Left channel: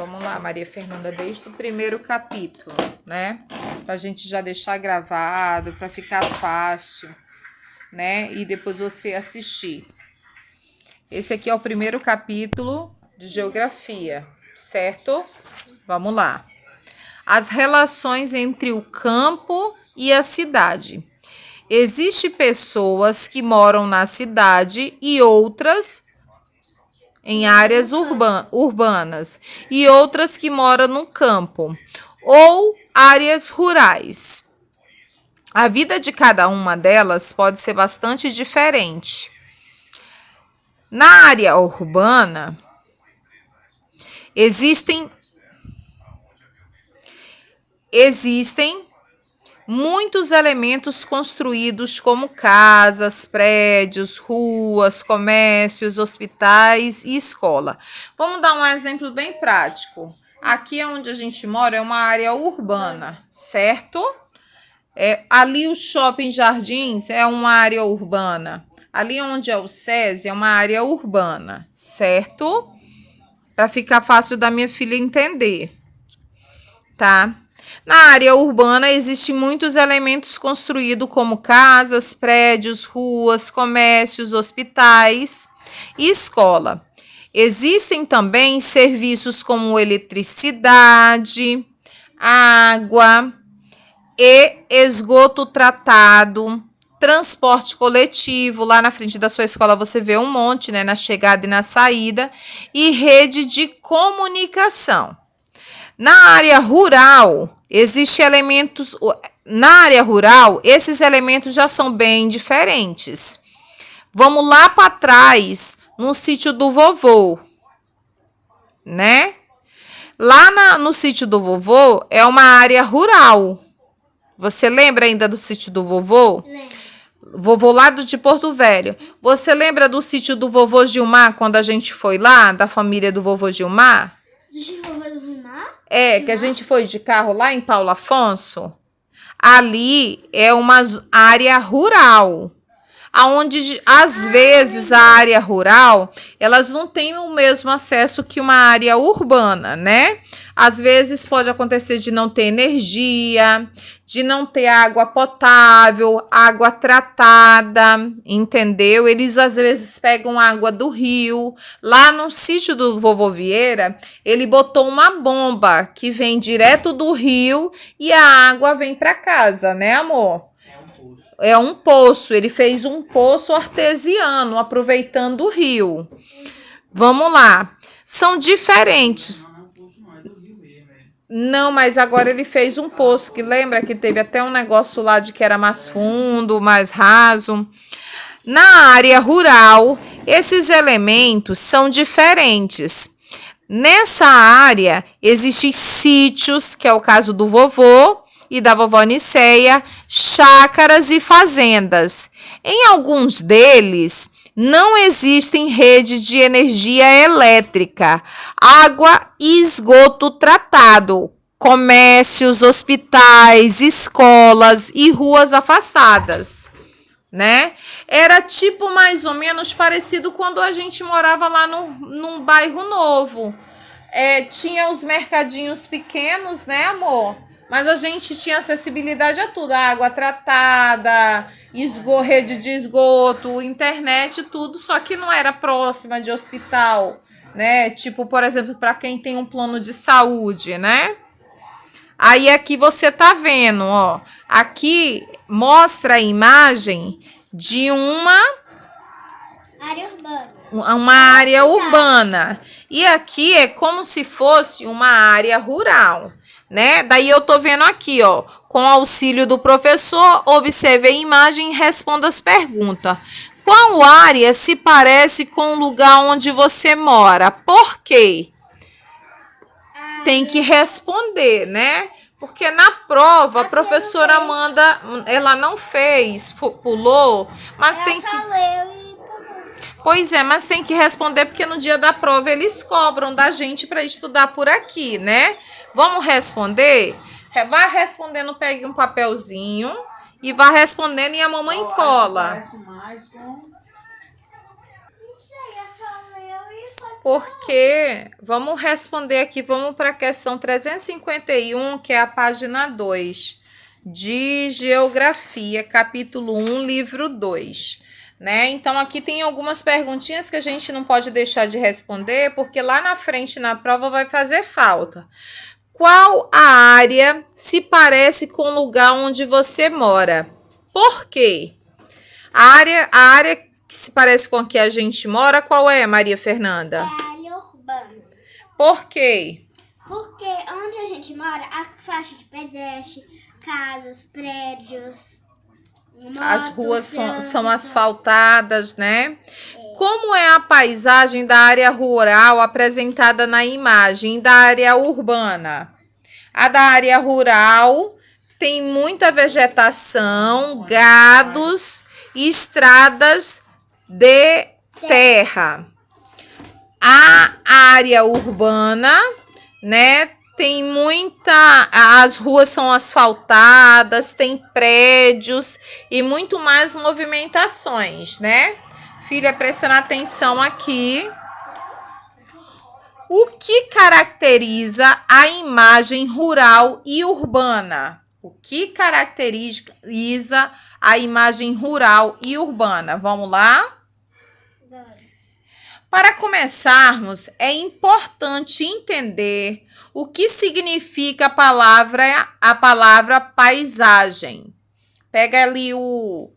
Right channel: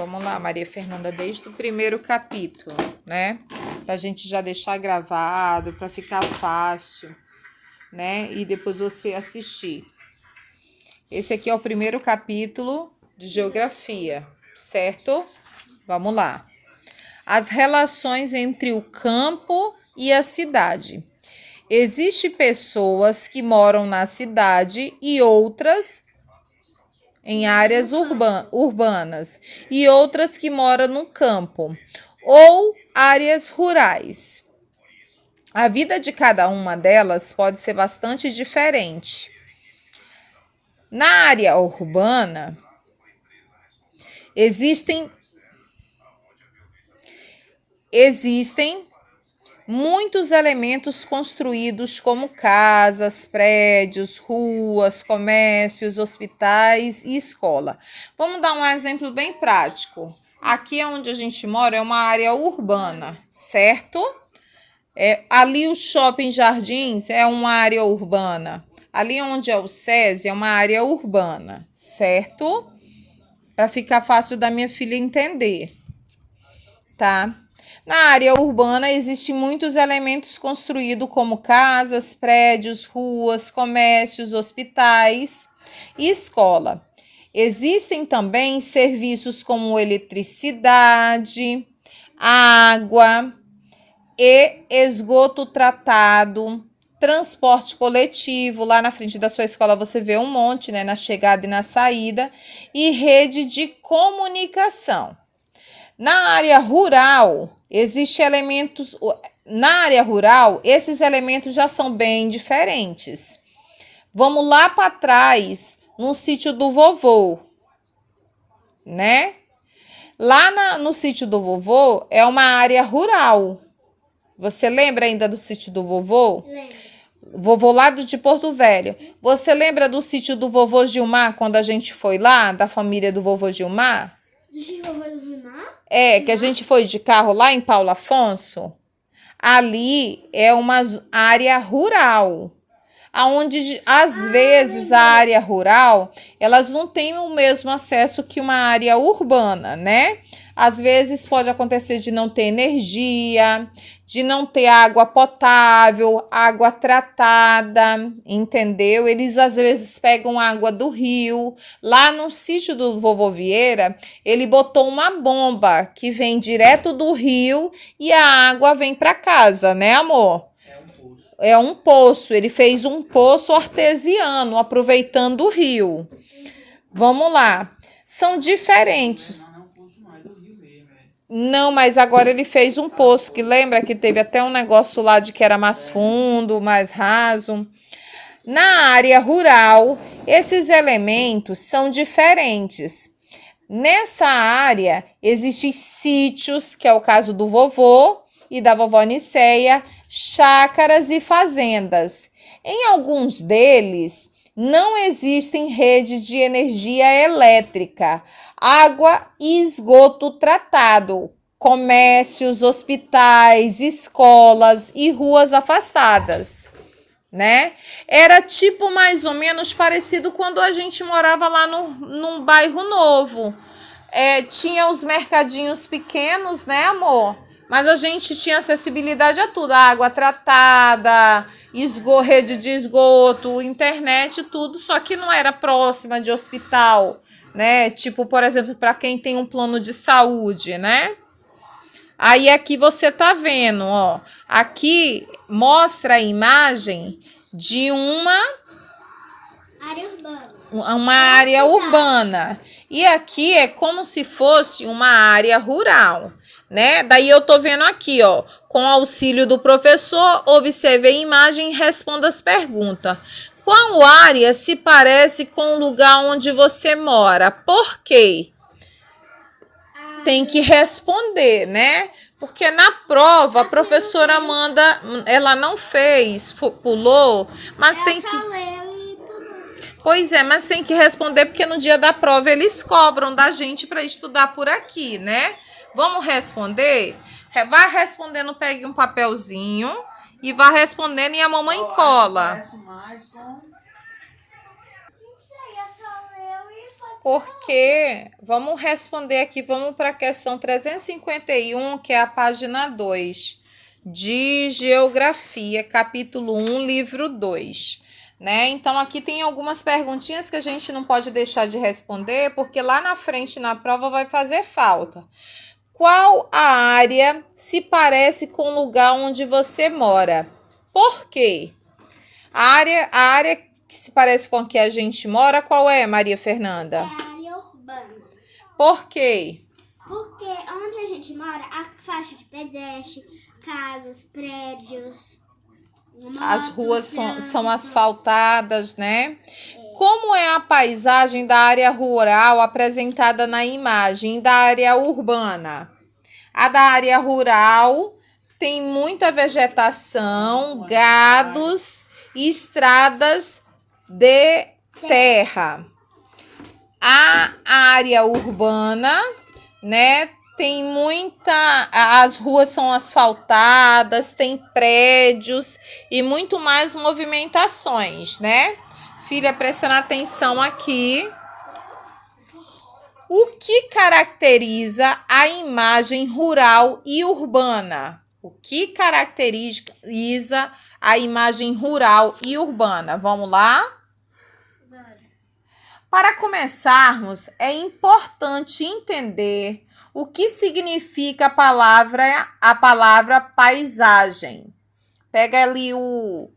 Vamos lá, Maria Fernanda, desde o primeiro capítulo, né? Pra gente já deixar gravado, pra ficar fácil, né? E depois você assistir. Esse aqui é o primeiro capítulo de geografia, certo? Vamos lá. As relações entre o campo e a cidade. Existem pessoas que moram na cidade e outras em áreas urbanas e outras que moram no campo ou áreas rurais. A vida de cada uma delas pode ser bastante diferente. Na área urbana, existem muitos elementos construídos como casas, prédios, ruas, comércios, hospitais e escola. Vamos dar um exemplo bem prático. Aqui onde a gente mora é uma área urbana, certo? Ali o Shopping Jardins é uma área urbana. Ali onde é o SESI é uma área urbana, certo? Para ficar fácil da minha filha entender, tá? Na área urbana existem muitos elementos construídos como casas, prédios, ruas, comércios, hospitais e escola. Existem também serviços como eletricidade, água e esgoto tratado, transporte coletivo. Lá na frente da sua escola você vê um monte, né, na chegada e na saída, e rede de comunicação. Na área rural, esses elementos já são bem diferentes. Vamos lá para trás, no sítio do vovô, né? Lá no sítio do vovô é uma área rural. Você lembra ainda do sítio do vovô? Lembro. Vovô lá de Porto Velho. Você lembra do sítio do vovô Gilmar, quando a gente foi lá, da família do vovô Gilmar? Que a gente foi de carro lá em Paulo Afonso. Ali é uma área rural, aonde às vezes a área rural, elas não têm o mesmo acesso que uma área urbana, né? Às vezes pode acontecer de não ter energia, de não ter água potável, água tratada, entendeu? Eles às vezes pegam água do rio. Lá no sítio do vovô Vieira, ele botou uma bomba que vem direto do rio e a água vem para casa, né, amor? É um poço. Ele fez um poço artesiano, aproveitando o rio. Vamos lá. São diferentes. Não, mas agora ele fez um poço, que lembra que teve até um negócio lá de que era mais fundo, mais raso. Na área rural, esses elementos são diferentes. Nessa área, existem sítios, que é o caso do vovô e da vovó Niceia, chácaras e fazendas. Em alguns deles, não existem rede de energia elétrica, água e esgoto tratado, comércios, hospitais, escolas e ruas afastadas, né? Era tipo mais ou menos parecido quando a gente morava lá num bairro novo. Tinha os mercadinhos pequenos, né, amor? Mas a gente tinha acessibilidade a tudo, água tratada, rede de esgoto, internet, tudo, só que não era próxima de hospital, né? Tipo, por exemplo, para quem tem um plano de saúde, né? Aí aqui você tá vendo, ó. Aqui mostra a imagem de uma área urbana. E aqui é como se fosse uma área rural, né? Daí eu tô vendo aqui, ó, com auxílio do professor, observe a imagem e responda as perguntas. Qual área se parece com o lugar onde você mora? Por quê? Tem que responder, né? Porque na prova a professora manda, ela não fez, pulou, mas tem que... Pois é, mas tem que responder porque no dia da prova eles cobram da gente para estudar por aqui, né? Vamos responder? Vai respondendo, pegue um papelzinho e vá respondendo e a mamãe cola. porque vamos responder aqui, vamos para a questão 351, que é a página 2, de Geografia, capítulo 1, livro 2. Né? Então, aqui tem algumas perguntinhas que a gente não pode deixar de responder, porque lá na frente na prova vai fazer falta. Qual a área se parece com o lugar onde você mora? Por quê? A área que se parece com a que a gente mora, qual é, Maria Fernanda? É a área urbana. Por quê? Porque onde a gente mora, a faixa de pedestre, casas, prédios, As ruas são asfaltadas, né? Como é a paisagem da área rural apresentada na imagem da área urbana? A da área rural tem muita vegetação, gados e estradas de terra. A área urbana, né, tem as ruas são asfaltadas, tem prédios e muito mais movimentações, né? Filha, prestando atenção aqui. O que caracteriza a imagem rural e urbana? O que caracteriza a imagem rural e urbana? Vamos lá? Para começarmos, é importante entender o que significa a palavra paisagem. Pega ali o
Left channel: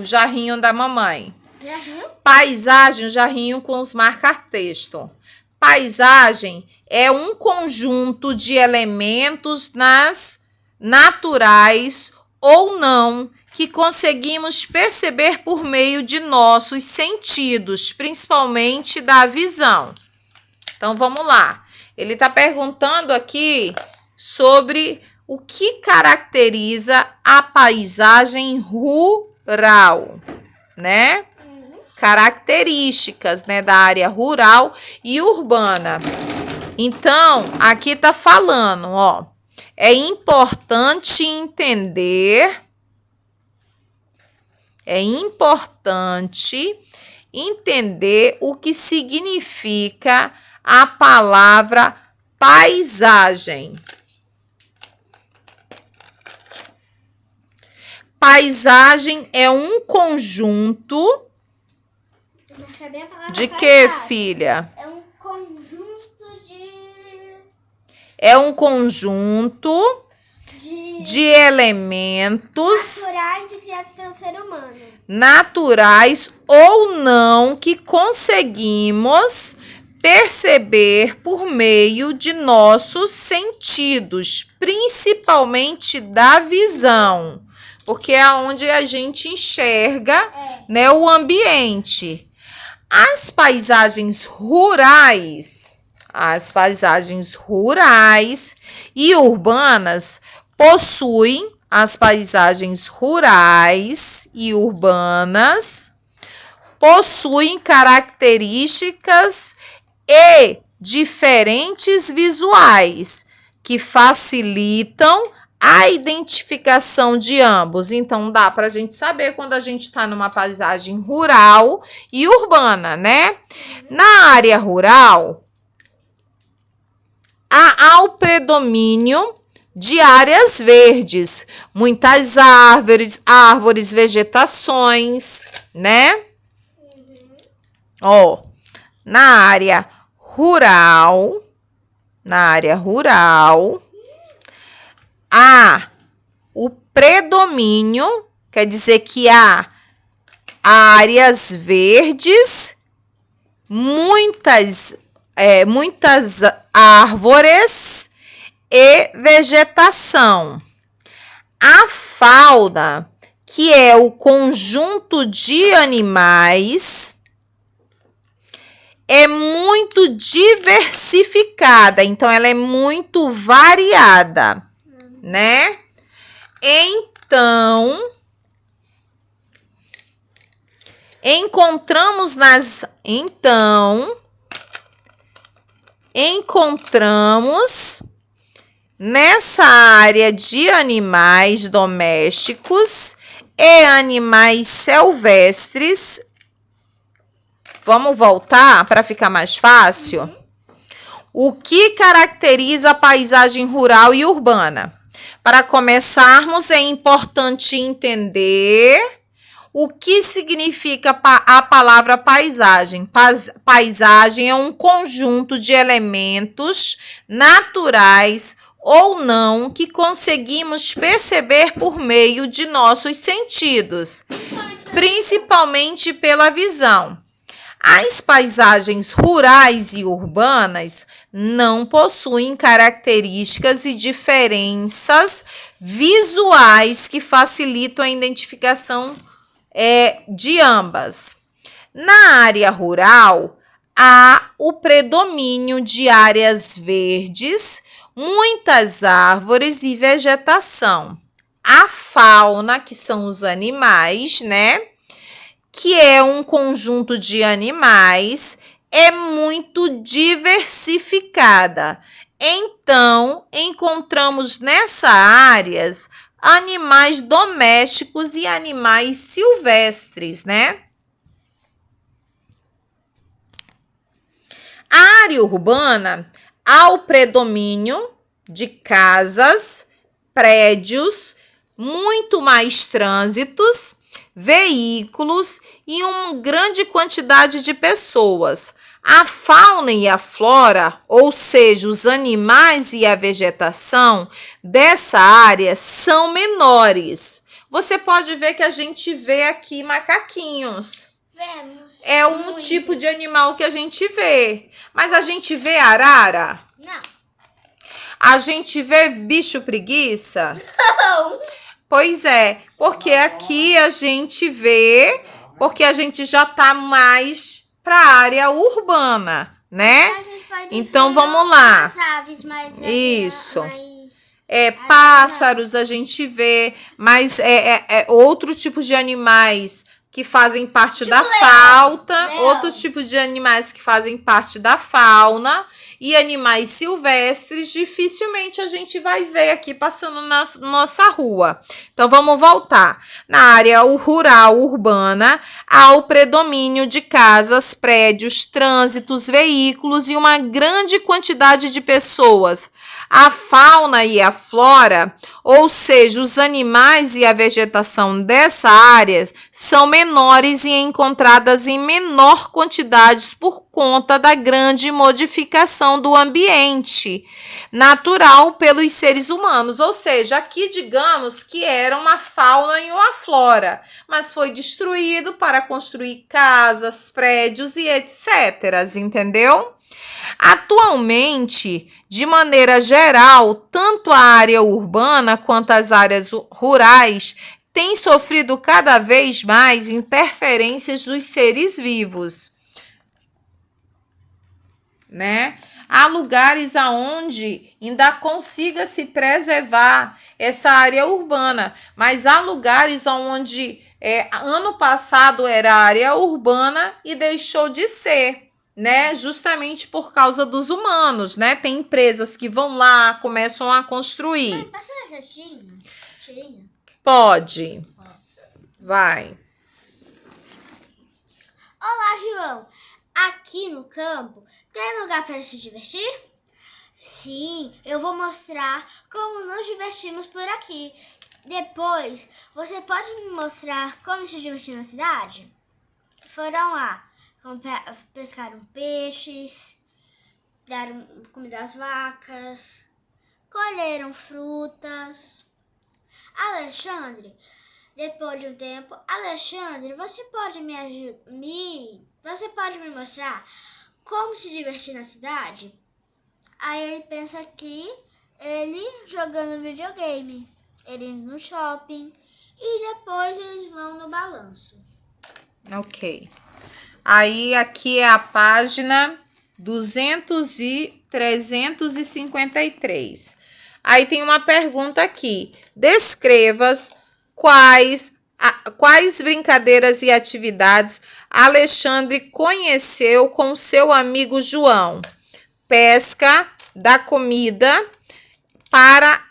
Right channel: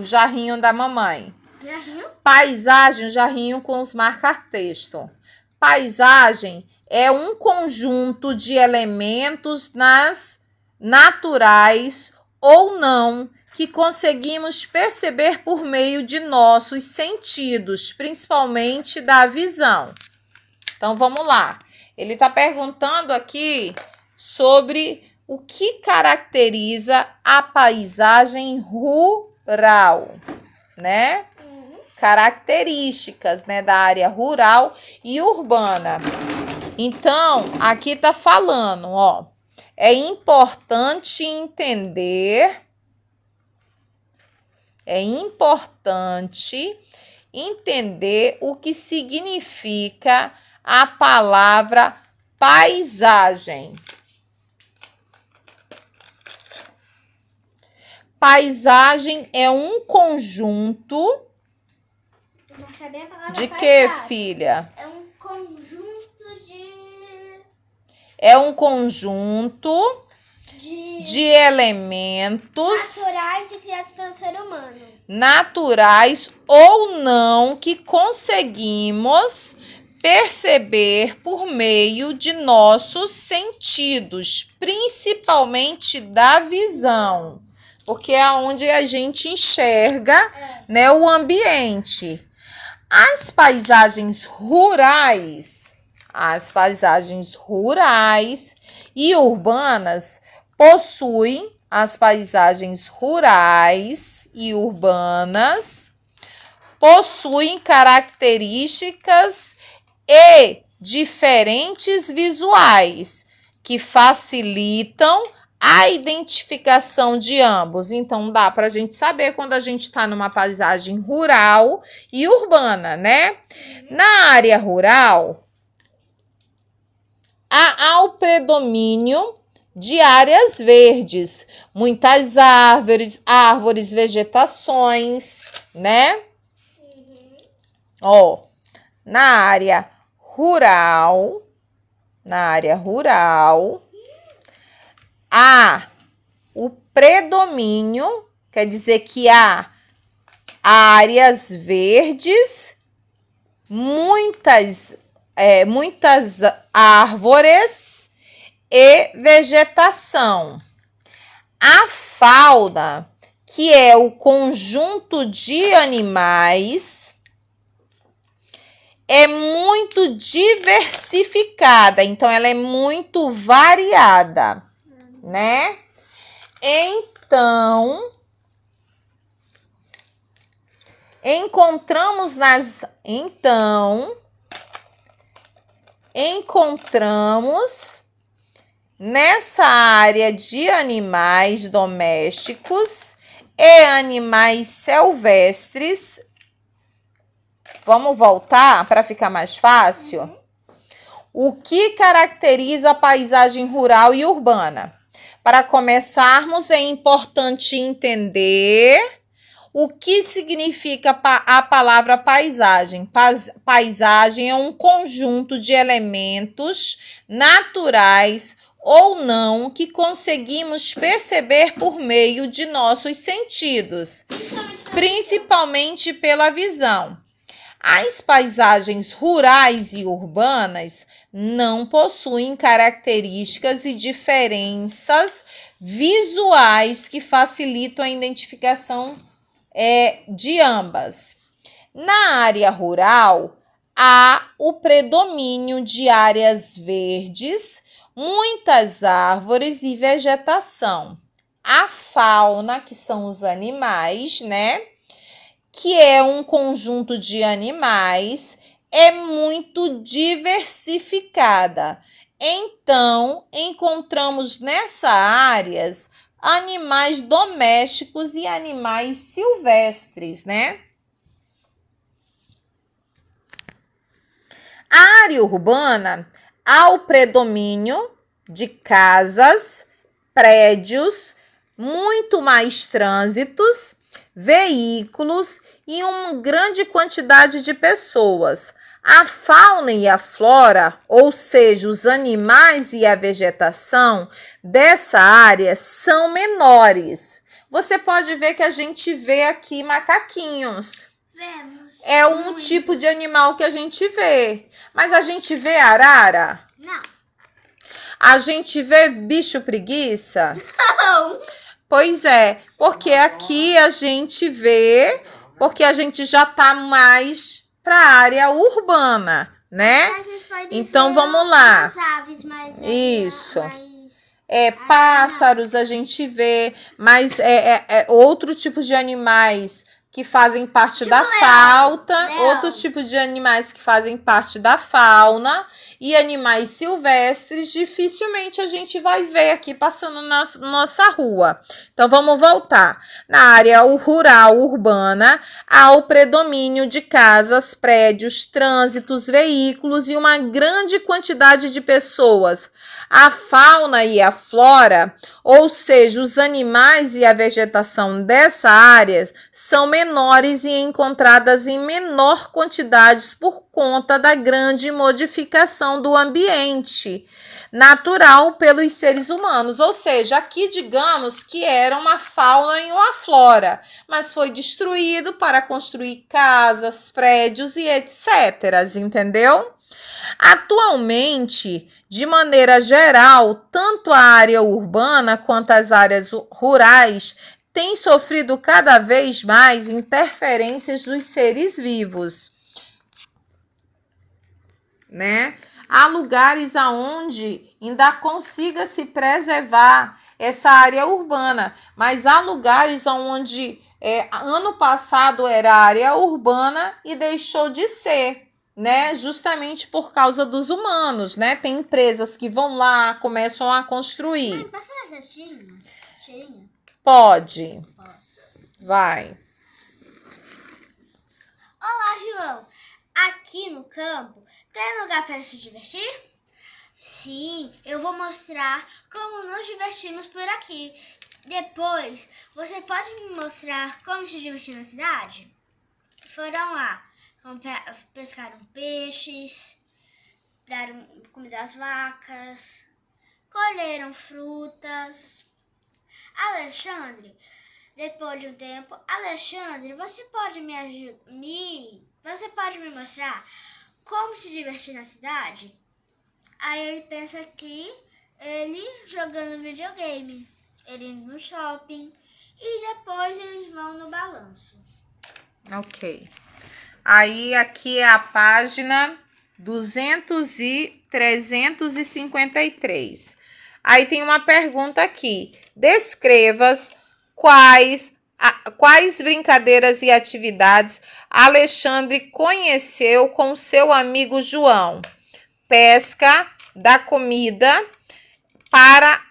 jarrinho da mamãe. Jarrinho? Paisagem, o jarrinho com os marca-texto. Paisagem é um conjunto de elementos naturais ou não que conseguimos perceber por meio de nossos sentidos, principalmente da visão. Então, vamos lá. Ele está perguntando aqui sobre o que caracteriza a paisagem rural, né? Características, né, da área rural e urbana. Então, aqui está falando, ó, é importante entender o que significa a palavra paisagem. Paisagem é um conjunto de quê, filha? É um conjunto É um conjunto de elementos naturais e criados pelo ser humano. Naturais ou não que conseguimos perceber por meio de nossos sentidos, principalmente da visão, porque é onde a gente enxerga, né, o ambiente. As paisagens rurais e urbanas possuem as paisagens rurais e urbanas possuem características e diferentes visuais que facilitam a identificação de ambos. Então, dá para a gente saber quando a gente está numa paisagem rural e urbana, né? Na área rural, há o predomínio de áreas verdes, muitas árvores, vegetações, né? Ó, na área rural, há o predomínio, quer dizer que há áreas verdes, muitas árvores e vegetação. A fauna, que é o conjunto de animais, é muito diversificada, então ela é muito variada, né? Então, encontramos nessa área de animais domésticos e animais silvestres. Vamos voltar para ficar mais fácil? O que caracteriza a paisagem rural e urbana? Para começarmos, é importante entender o que significa a palavra paisagem. Paisagem é um conjunto de elementos naturais ou não que conseguimos perceber por meio de nossos sentidos, principalmente pela visão. As paisagens rurais e urbanas não possuem características e diferenças visuais que facilitam a identificação de ambas. Na área rural, há o predomínio de áreas verdes, muitas árvores e vegetação. A fauna, que são os animais, né? Que é um conjunto de animais, é muito diversificada. Então, encontramos nessas áreas animais domésticos e animais silvestres, né? A área urbana há o predomínio de casas, prédios, muito mais trânsitos, veículos e uma grande quantidade de pessoas. A fauna e a flora, ou seja, os animais e a vegetação dessa área são menores. Você pode ver que a gente vê aqui macaquinhos. Vemos. É um tipo de animal que a gente vê. Mas a gente vê arara? Não. A gente vê bicho preguiça? Não. Pois é, porque aqui a gente vê, porque a gente já tá mais para a área urbana, né? Então vamos lá. As aves, mas isso. Pássaros a gente vê, mas outro tipo de animais que fazem parte da fauna, outro tipo de animais que fazem parte da fauna e animais silvestres, dificilmente a gente vai ver aqui passando na nossa rua. Então, vamos voltar. Na área rural, urbana, há o predomínio de casas, prédios, trânsitos, veículos e uma grande quantidade de pessoas. A fauna e a flora, ou seja, os animais e a vegetação dessa área, são menores e encontradas em menor quantidade por conta da grande modificação do ambiente natural pelos seres humanos. Ou seja, aqui digamos que era uma fauna e uma flora, mas foi destruído para construir casas, prédios e etc. Entendeu? Atualmente, de maneira geral, tanto a área urbana quanto as áreas rurais têm sofrido cada vez mais interferências dos seres vivos, né? Há lugares aonde ainda consiga se preservar essa área urbana, mas há lugares onde ano passado era área urbana e deixou de ser, né? Justamente por causa dos humanos, né? Tem empresas que vão lá, começam a construir. Passa uma cheirinha? Pode. Vai. Olá, João. Aqui no campo, tem lugar para se divertir? Sim, eu vou mostrar como nos divertimos por aqui. Depois, você pode me mostrar como se divertir na cidade? Foram lá. Pescaram peixes, deram comida às vacas, colheram frutas. Alexandre, depois de um tempo, Alexandre, você pode me mostrar como se divertir na cidade? Aí ele pensa que ele jogando videogame, ele indo no shopping e depois eles vão no balanço. Ok. Aí, aqui é a página 353. Aí tem uma pergunta aqui. Descreva quais brincadeiras e atividades Alexandre conheceu com seu amigo João. Pesca, da comida, para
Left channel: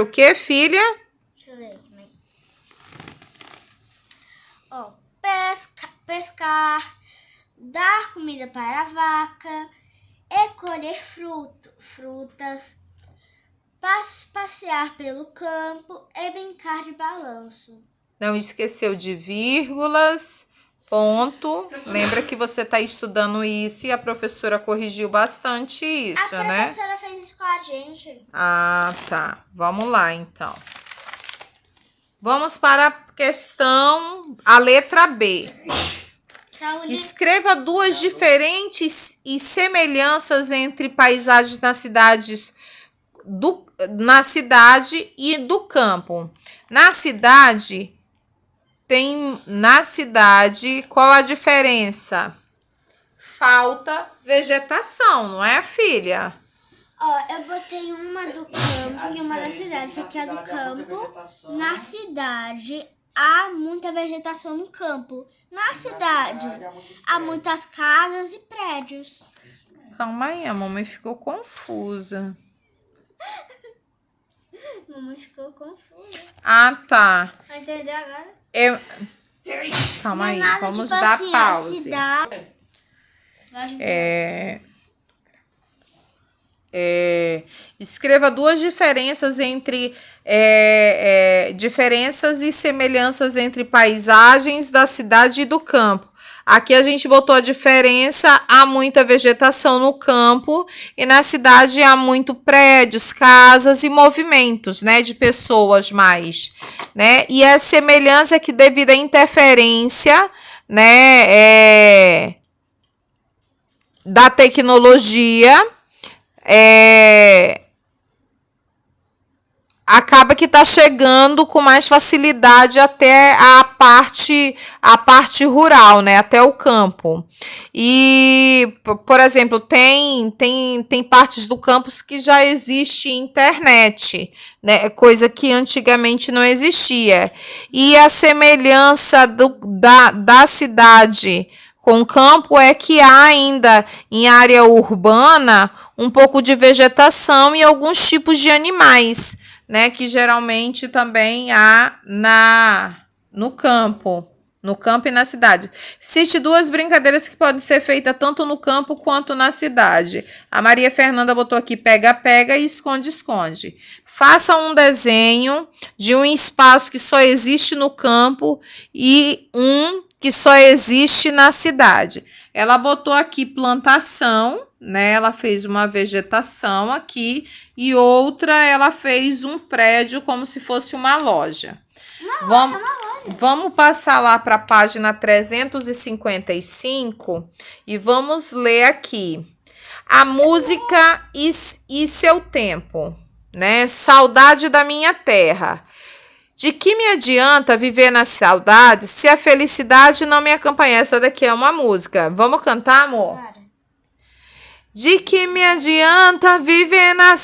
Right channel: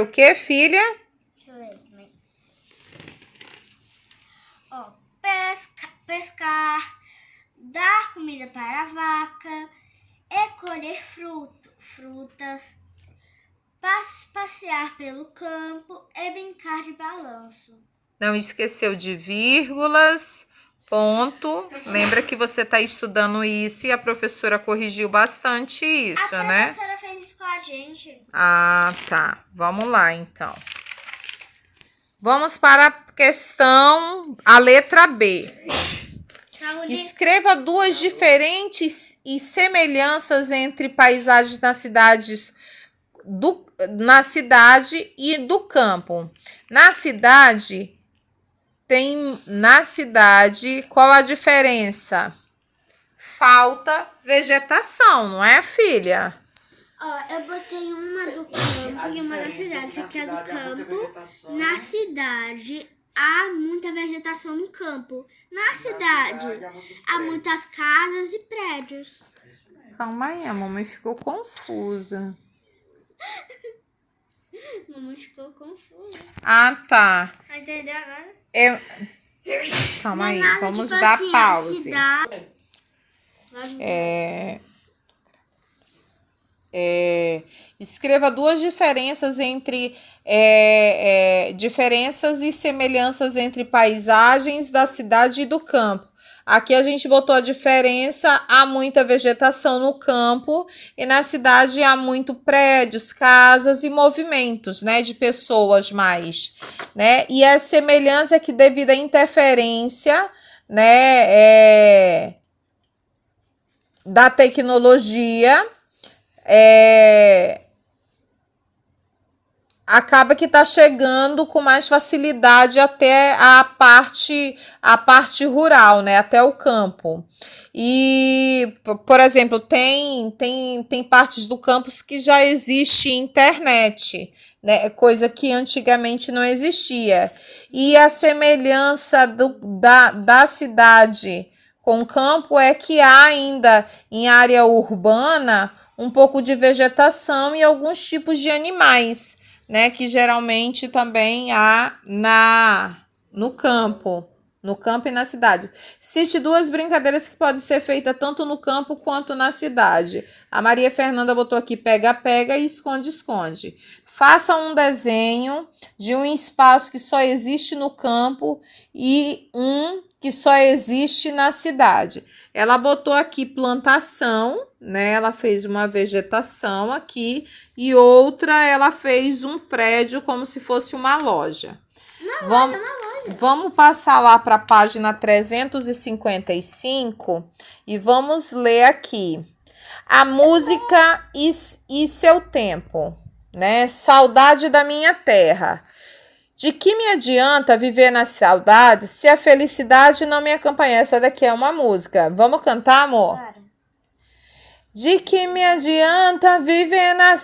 o quê, filha? Deixa eu ler. pescar, dar comida para a vaca, e colher frutas, passear pelo campo e brincar de balanço. Não esqueceu de vírgulas, ponto. Lembra que você está estudando isso e a professora corrigiu bastante isso, né? A professora fez isso com a gente. Ah, tá. Vamos lá, então. Vamos para a questão, a letra B. Escreva duas diferentes e semelhanças entre paisagens na cidade e do campo. Na cidade, qual a diferença? Falta vegetação, não é, filha? Ó, eu botei uma do campo e uma da cidade. Essa aqui é do campo. Na cidade, há muita vegetação no campo. Na cidade, há muitas casas e prédios. Calma aí, a mamãe ficou confusa. Mamãe ficou confusa. Ah, tá. Entendeu agora? Calma aí, Nada, vamos tipo dar assim, pause. Escreva duas diferenças diferenças e semelhanças entre paisagens da cidade e do campo. Aqui a gente botou a diferença, há muita vegetação no campo e na cidade há muito prédios, casas e movimentos, né, de pessoas mais, né? E a semelhança é que devido à interferência, né, da tecnologia, acaba que está chegando com mais facilidade até a parte rural, né? Até o campo. E, por exemplo, tem partes do campus que já existe internet, né? Coisa que antigamente não existia. E a semelhança da cidade com o campo é que há ainda em área urbana um pouco de vegetação e alguns tipos de animais, né, que geralmente também há no campo e na cidade. Cite duas brincadeiras que podem ser feitas tanto no campo quanto na cidade. A Maria Fernanda botou aqui pega-pega e esconde-esconde. Faça um desenho de um espaço que só existe no campo e um que só existe na cidade. Ela botou aqui plantação, né? Ela fez uma vegetação aqui e outra ela fez um prédio como se fosse uma loja. Vamos passar lá para a página 355 e vamos ler aqui. A música e seu tempo, né? Saudade da minha terra. De que me adianta viver na saudade se a felicidade não me acompanha? Essa daqui é uma música. Vamos cantar, amor? Claro. De que me adianta viver na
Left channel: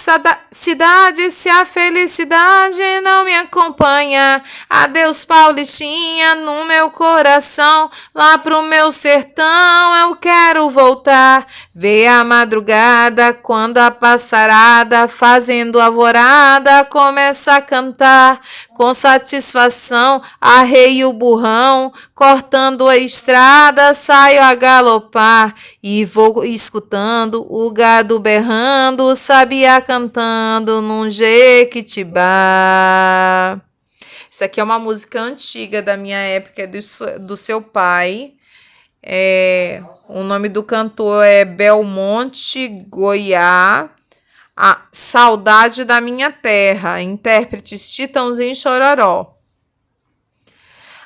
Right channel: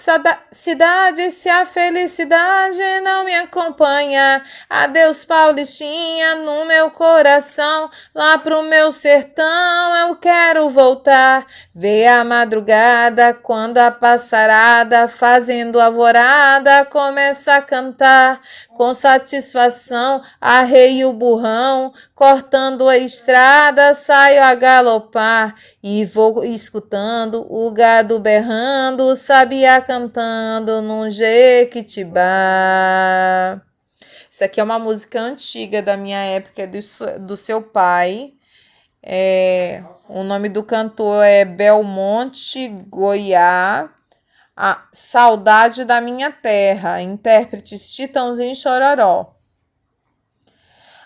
cidade se a felicidade não me acompanha? Adeus, Paulistinha, no meu coração, lá pro meu sertão eu quero voltar. Ver a madrugada, quando a passarada, fazendo alvorada, começa a cantar. Com satisfação, arreio o burrão, cortando a estrada, saio a galopar e vou escutando o gado berrando, o sabiá cantando num jequitibá. Isso aqui é uma música antiga da minha época, do seu pai. O nome do cantor é Belmonte Goiá. A Saudade da Minha Terra, intérpretes Chitãozinho e Chororó.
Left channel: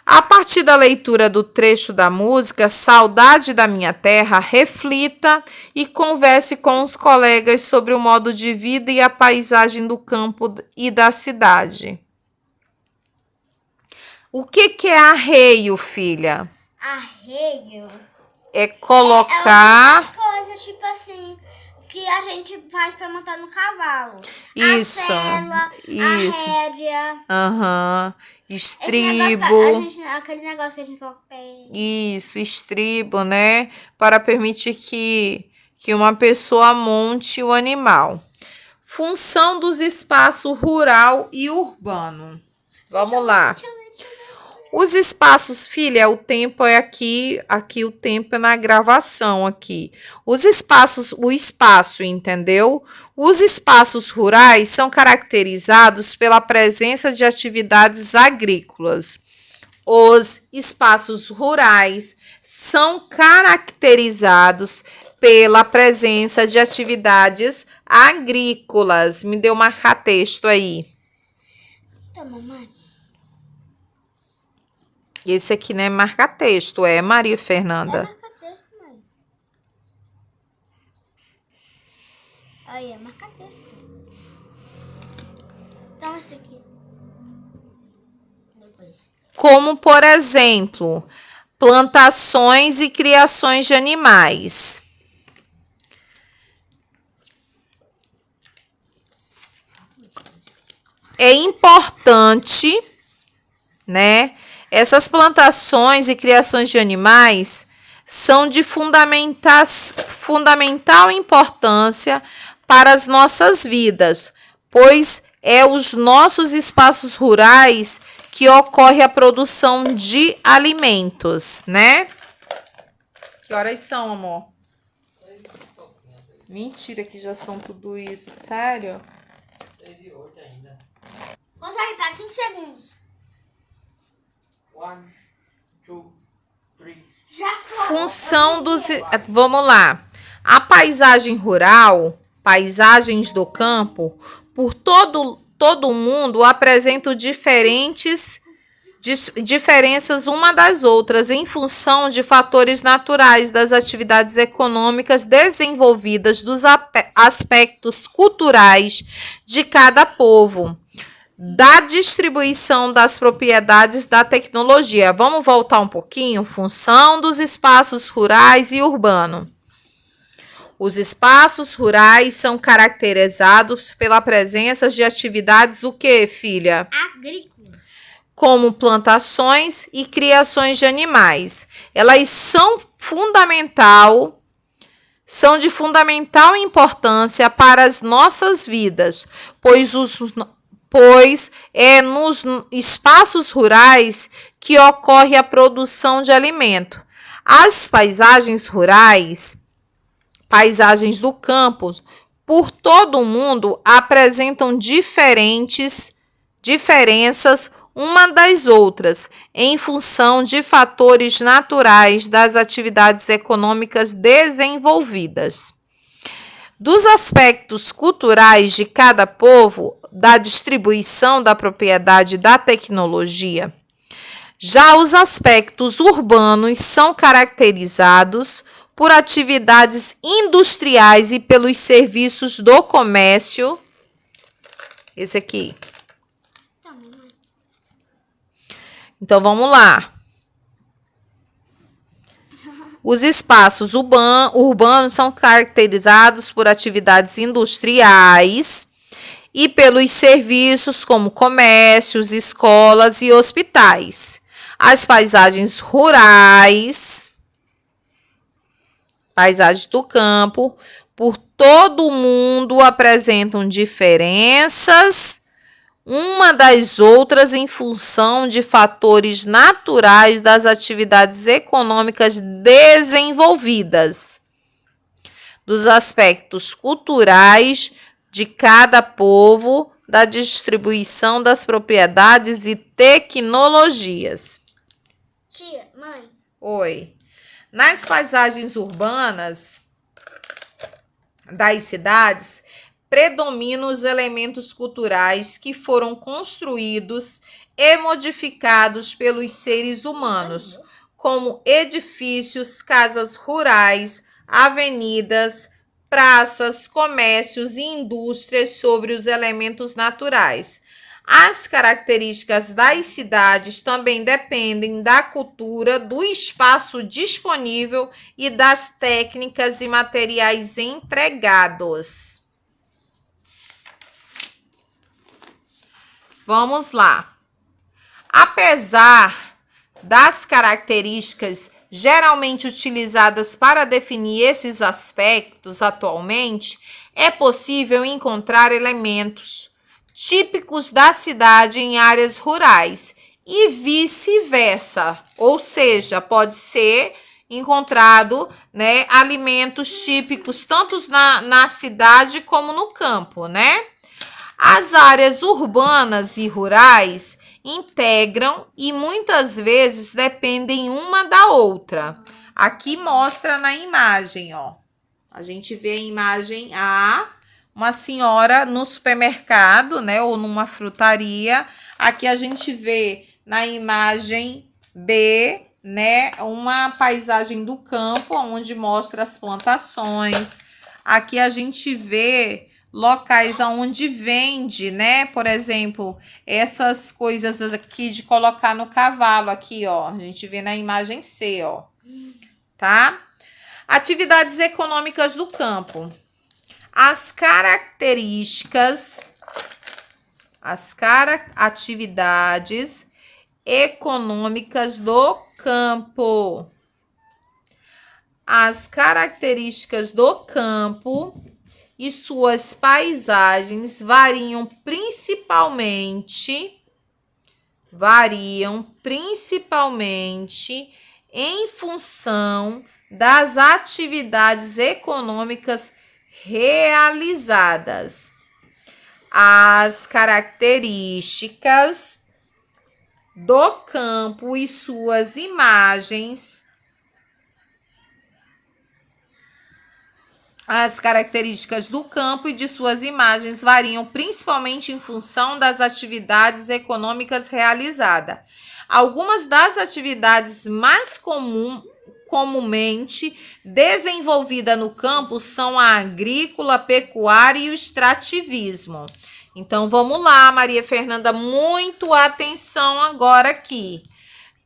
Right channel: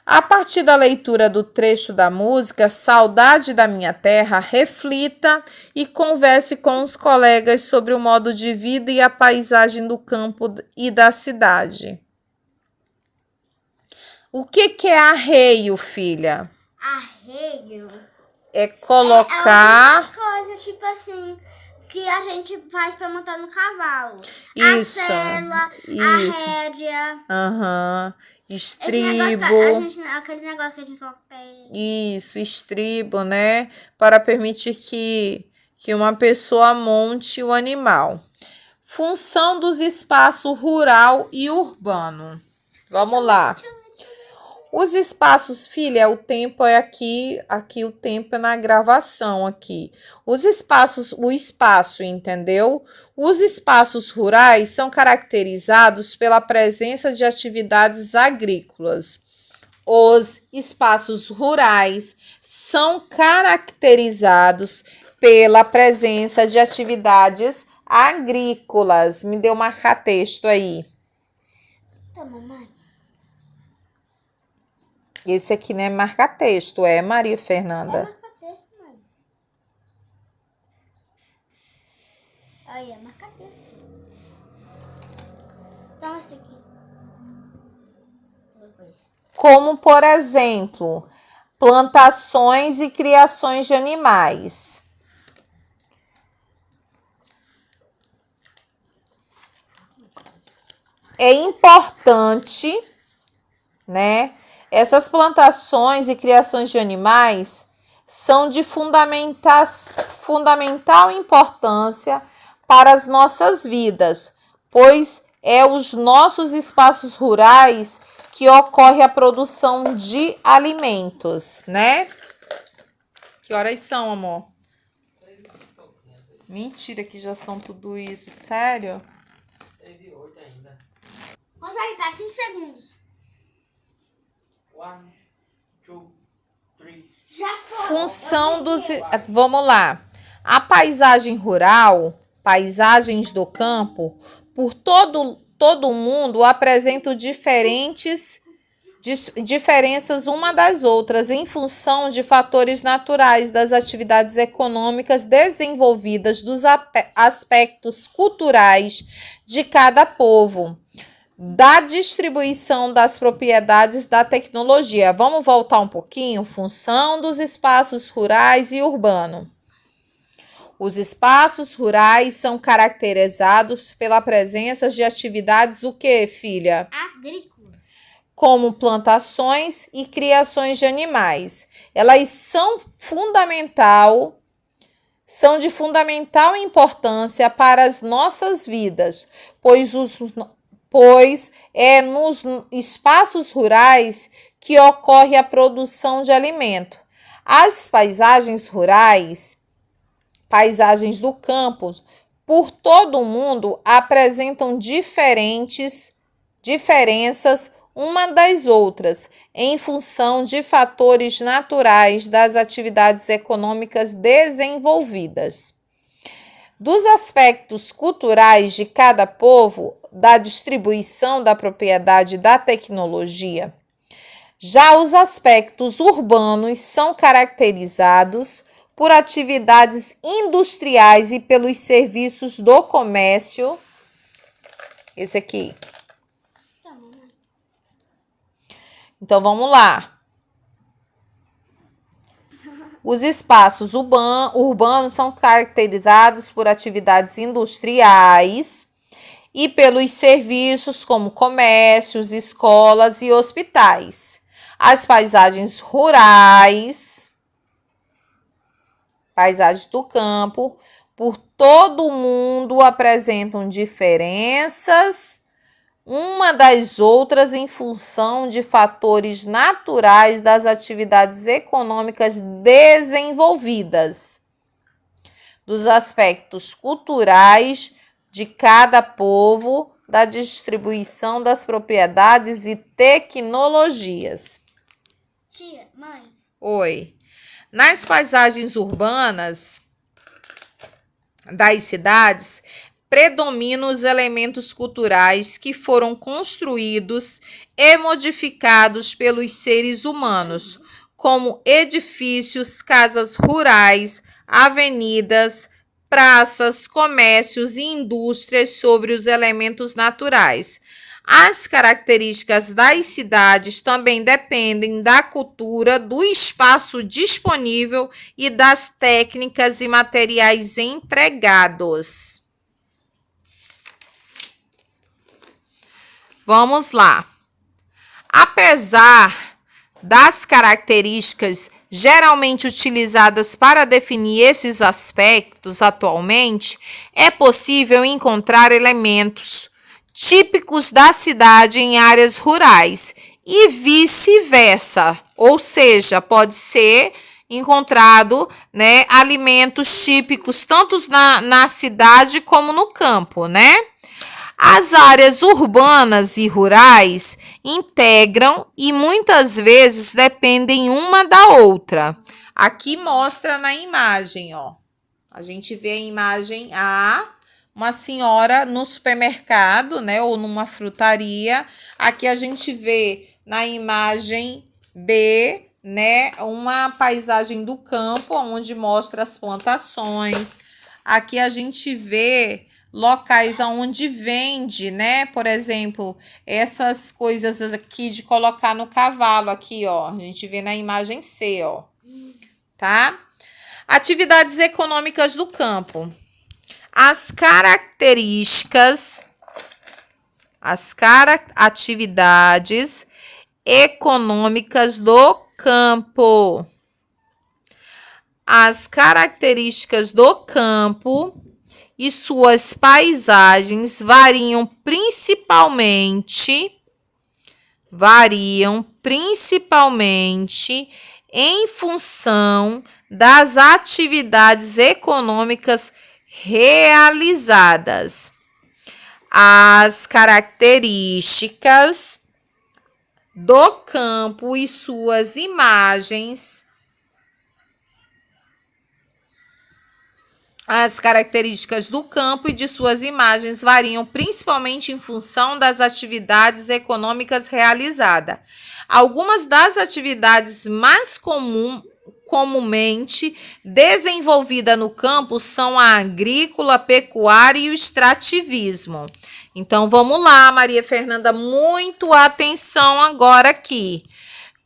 A partir da leitura do trecho da música Saudade da Minha Terra, reflita e converse com os colegas sobre o modo de vida e a paisagem do campo e da cidade. O que é arreio, filha? Arreio É colocar... coisas tipo assim que a gente faz para montar no cavalo. Isso. A sela, Isso. a rédea. Estribo. Aquele negócio que a gente coloca o pé. Isso, estribo, né? Para permitir que uma pessoa monte o animal. Função dos espaços rural e urbano. Vamos lá. Os espaços, filha, o tempo é aqui o tempo é na gravação aqui. Os espaços, o espaço, entendeu? Os espaços rurais são caracterizados pela presença de atividades agrícolas. Os espaços rurais são caracterizados pela presença de atividades agrícolas. Me deu marca-texto aí. Tá, mamãe. Esse aqui não é marca-texto, é Maria Fernanda. Marca-texto, mãe. Aí, é marca-texto. Então, esse aqui. Como, por exemplo, plantações e criações de animais. É importante, né? Essas plantações e criações de animais são de fundamental importância para as nossas vidas, pois é os nossos espaços rurais que ocorre a produção de alimentos, né? Que horas são, amor? Mentira que já são tudo isso, sério? 6:08 ainda. Vamos aí, para 5 segundos. 1, 2, 3. Já foi. Função dos... Vamos lá. A paisagem rural, paisagens do campo, por todo o mundo apresentam diferenças uma das outras em função de fatores naturais das atividades econômicas desenvolvidas, dos aspectos culturais de cada povo, da distribuição das propriedades da tecnologia. Vamos voltar um pouquinho? Função dos espaços rurais e urbanos. Os espaços rurais são caracterizados pela presença de atividades o quê, filha? Agrícolas. Como plantações e criações de animais. Elas são de fundamental importância para as nossas vidas, pois é nos espaços rurais que ocorre a produção de alimento. As paisagens rurais, paisagens do campo, por todo o mundo apresentam diferenças uma das outras, em função de fatores naturais das atividades econômicas desenvolvidas. Dos aspectos culturais de cada povo, da distribuição da propriedade da tecnologia. Já os aspectos urbanos são caracterizados por atividades industriais e pelos serviços do comércio. Esse aqui. Então, vamos lá. Os espaços urbanos são caracterizados por atividades industriais e pelos serviços como comércios, escolas e hospitais. As paisagens rurais, paisagens do campo, por todo o mundo apresentam diferenças uma das outras em função de fatores naturais das atividades econômicas desenvolvidas, dos aspectos culturais de cada povo, da distribuição das propriedades e tecnologias. Tia, mãe. Oi. Nas paisagens urbanas das cidades, predominam os elementos culturais que foram construídos e modificados pelos seres humanos, como edifícios, casas rurais, avenidas, praças, comércios e indústrias sobre os elementos naturais. As características das cidades também dependem da cultura, do espaço disponível e das técnicas e materiais empregados. Vamos lá. Apesar das características geralmente utilizadas para definir esses aspectos atualmente, é possível encontrar elementos típicos da cidade em áreas rurais e vice-versa. Ou seja, pode ser encontrado, né, alimentos típicos tanto na cidade como no campo, né? As áreas urbanas e rurais integram e muitas vezes dependem uma da outra. Aqui mostra na imagem, ó. A gente vê a imagem A, uma senhora no supermercado, né, ou numa frutaria. Aqui a gente vê na imagem B, né, uma paisagem do campo, onde mostra as plantações. Aqui a gente vê locais onde vende, né, por exemplo, essas coisas aqui de colocar no cavalo, aqui, ó. A gente vê na imagem C, ó, tá? Atividades econômicas do campo. Atividades econômicas do campo. As características do campo e suas paisagens variam principalmente em função das atividades econômicas realizadas. As características do campo e suas imagens. As características do campo e de suas imagens variam principalmente em função das atividades econômicas realizadas. Algumas das atividades mais comumente desenvolvidas no campo são a agrícola, pecuária e o extrativismo. Então, vamos lá, Maria Fernanda, muito atenção agora aqui.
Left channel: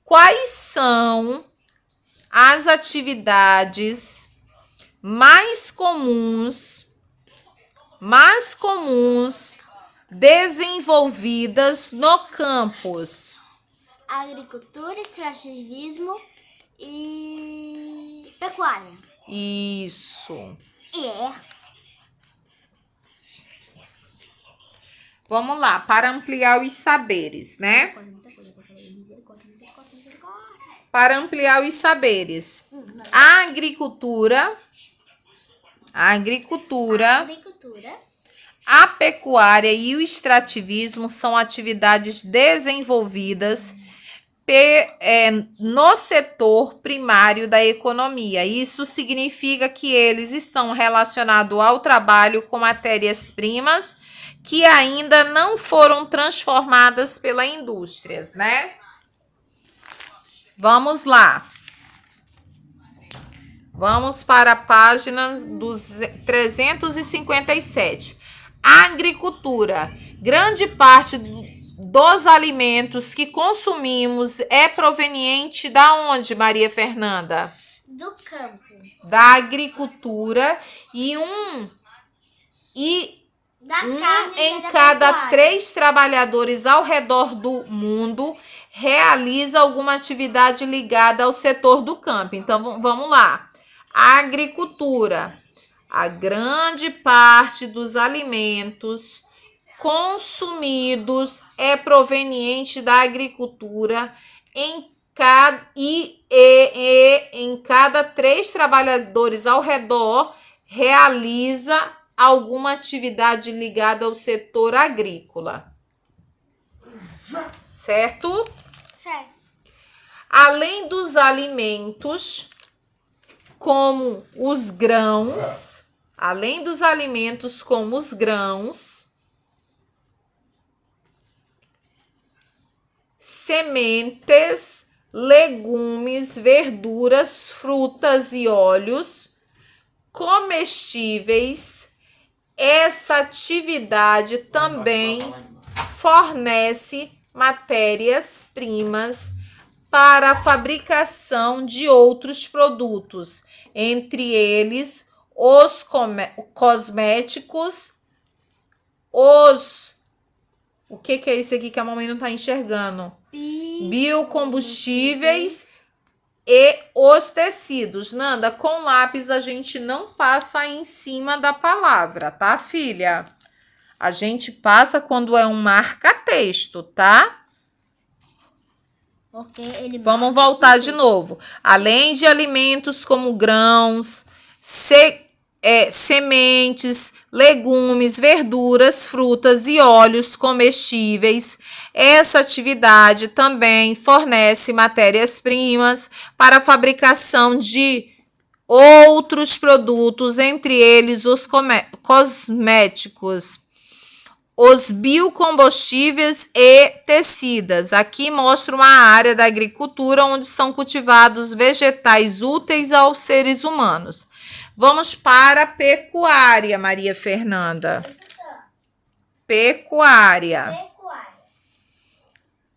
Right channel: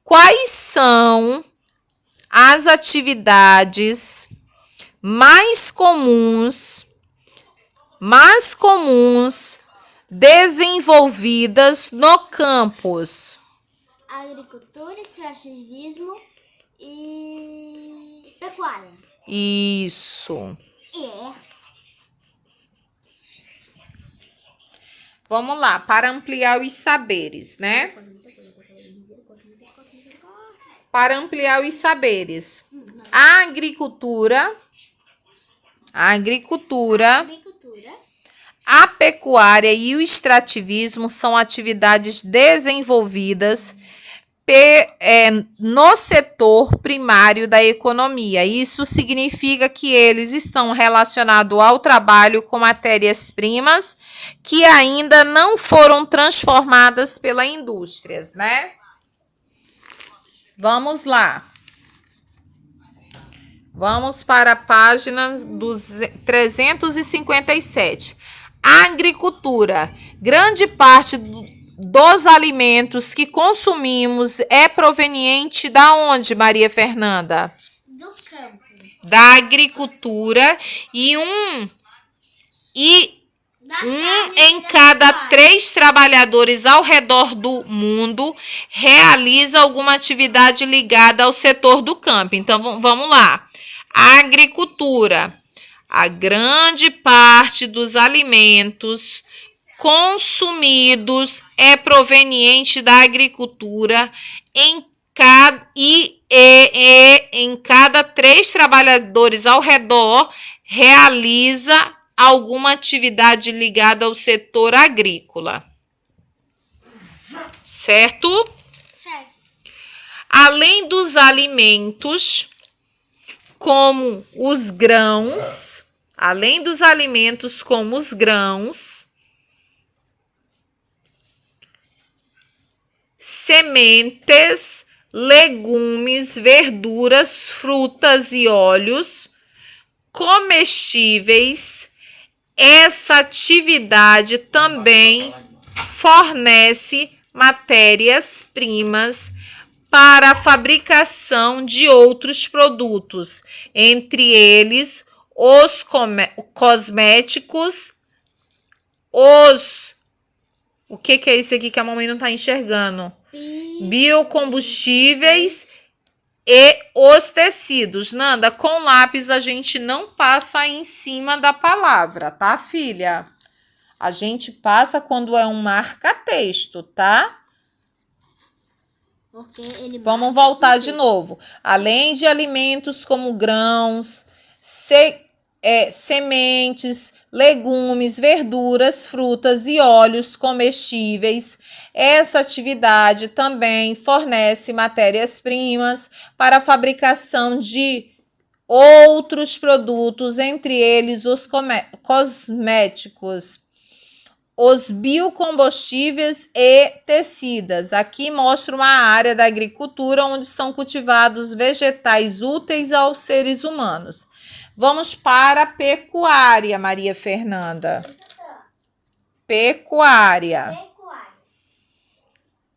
Quais são as atividades mais comuns desenvolvidas no campus? Agricultura, extrativismo e pecuária. Isso. É. Vamos lá, para ampliar os saberes, né? Para ampliar os saberes. A agricultura, a pecuária e o extrativismo são atividades desenvolvidas no setor primário da economia. Isso significa que eles estão relacionados ao trabalho com matérias-primas que ainda não foram transformadas pelas indústrias, né? Vamos lá. Vamos para a página 357. A agricultura. Grande parte dos alimentos que consumimos é proveniente da onde, Maria Fernanda? Do campo. Da agricultura e em cada 3 trabalhadores ao redor do mundo realiza alguma atividade ligada ao setor do campo. Então, vamos lá. A agricultura. A grande parte dos alimentos consumidos é proveniente da agricultura em cada 3 trabalhadores ao redor realiza alguma atividade ligada ao setor agrícola. Certo? Certo. Além dos alimentos, como os grãos, sementes, legumes, verduras, frutas e óleos comestíveis, essa atividade também fornece matérias-primas para a fabricação de outros produtos, entre eles os cosméticos, o que é isso aqui que a mamãe não está enxergando? Biocombustíveis e os tecidos. Nanda, com lápis a gente não passa em cima da palavra, tá, filha? A gente passa quando é um marca-texto, tá? Porque ele Vamos voltar de novo. Além de alimentos como grãos, sementes, legumes, verduras, frutas e óleos comestíveis, essa atividade também fornece matérias-primas para a fabricação de outros produtos, entre eles os cosméticos, os biocombustíveis e tecidas. Aqui mostra uma área da agricultura onde são cultivados vegetais úteis aos seres humanos. Vamos para a pecuária, Maria Fernanda. Pecuária. Pecuária.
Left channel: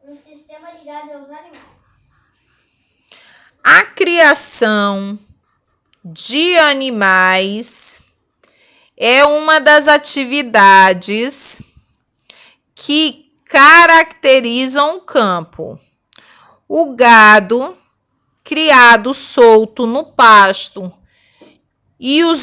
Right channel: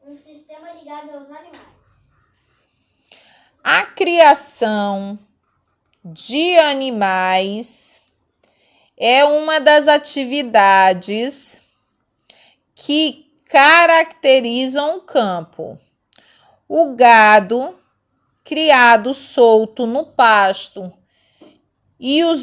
Um sistema ligado aos animais. A criação de animais é uma das atividades que caracterizam o campo. O gado criado solto no pasto e os